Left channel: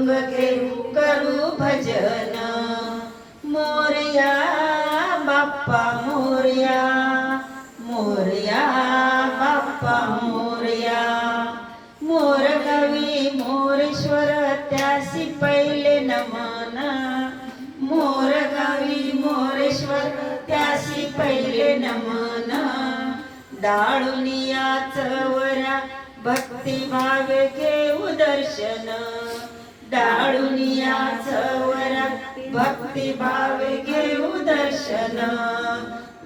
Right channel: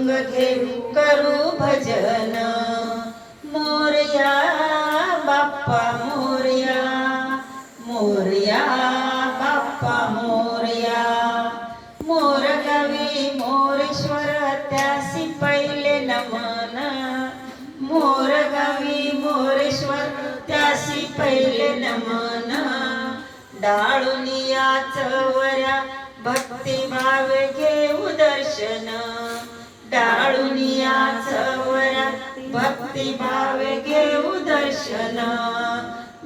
मृदुंग घेऊ करू भजन मोरया बाप्पा मोरया मोरया बाप्पा मोरया मोर कवी मोरेश्वर त्यासी पहिले नमन मोर कवी मोरेश्वर त्यासी पहिले नमन डाळुनिया चवरा भक्ती भावे घेऊ दर्शन डाळुनिया चवऱ्या भक्ती भावे घेऊ दर्शन.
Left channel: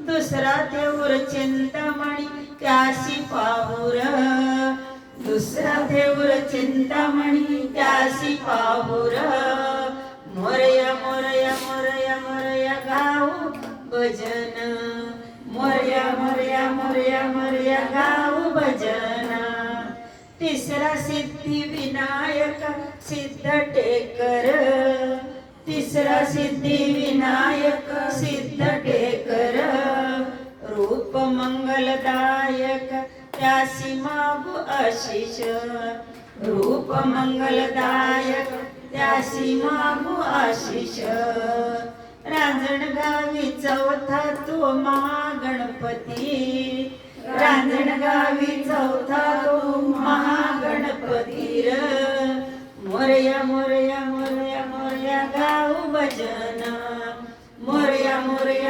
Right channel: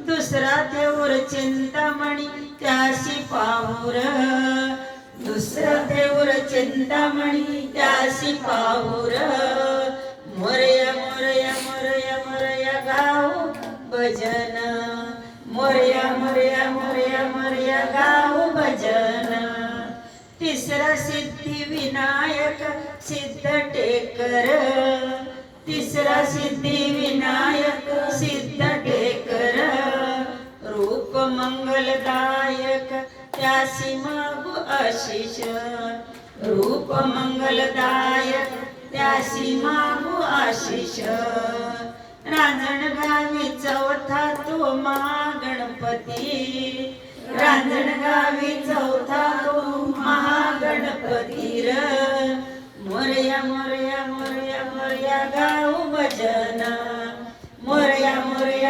दुसरा देऊर चिंतामणी त्याशी पाहुर. दुसरा देऊर चिंतामणी त्याशी पाहुर. मोरया मोरया मोरया मोरया गाऊ भजन. मोरया मोरया मोरया मोरया गाऊ तिसरा सिद्धी विनायक सिद्ध टेकर तिसरा सिद्धी विनायक सिद्ध टेकर रूप मंगलदायक त्यासी मागू आशिष. रूप मंगलदायक त्यासी मागू आशिष. रांजणगावी चौथा तो महागणपती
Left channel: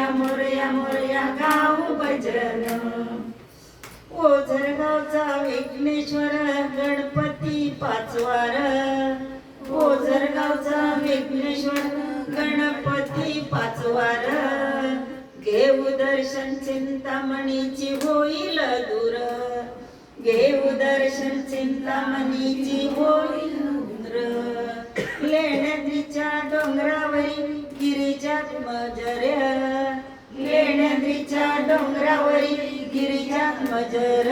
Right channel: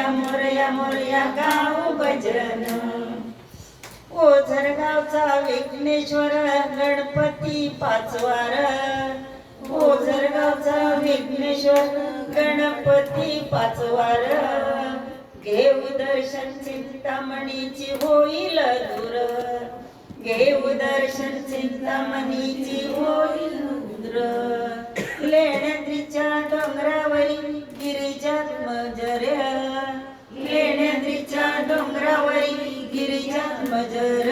मोरया मोरया मोरया गाऊ भजन. ओझरगावचा विघ्नेश्वर गणपती पाचवार. ओझरगावचा विघ्नेश्वर गणपती पाचवार. घेऊ दर्शन चिंतामणीची होईल दूर. घेऊ दर्शन चिंतामणीची होईल दूर. डोंगरावरी गिरीजा मजर.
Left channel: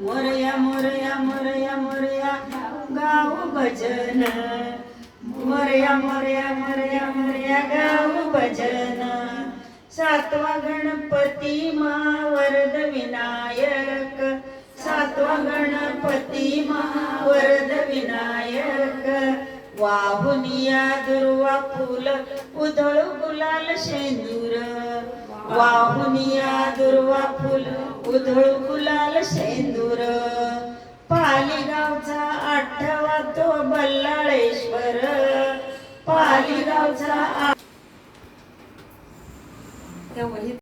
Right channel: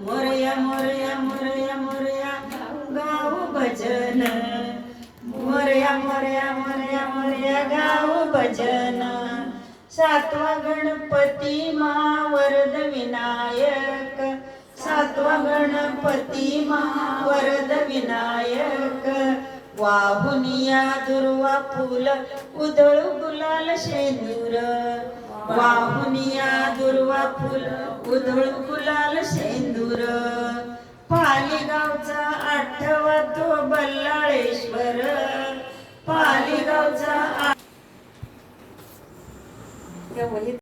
मोरया मोरया मोरया मोरया गाऊ भजन. मोरया मोरया मोरया मोरया गाऊ भजन. सातवा गणपती मा वरद विनायक. सातवा गणपती मा वरद विनायक वाहुनिया दुर्वा फुल उधळू गुलाल शेंदूर. वाहुनिया दुर्वा फुल उधळू फुलाल शेंदूर. पालीगावचा आठवा तो बल्लाळेश्वर. पालीगावचा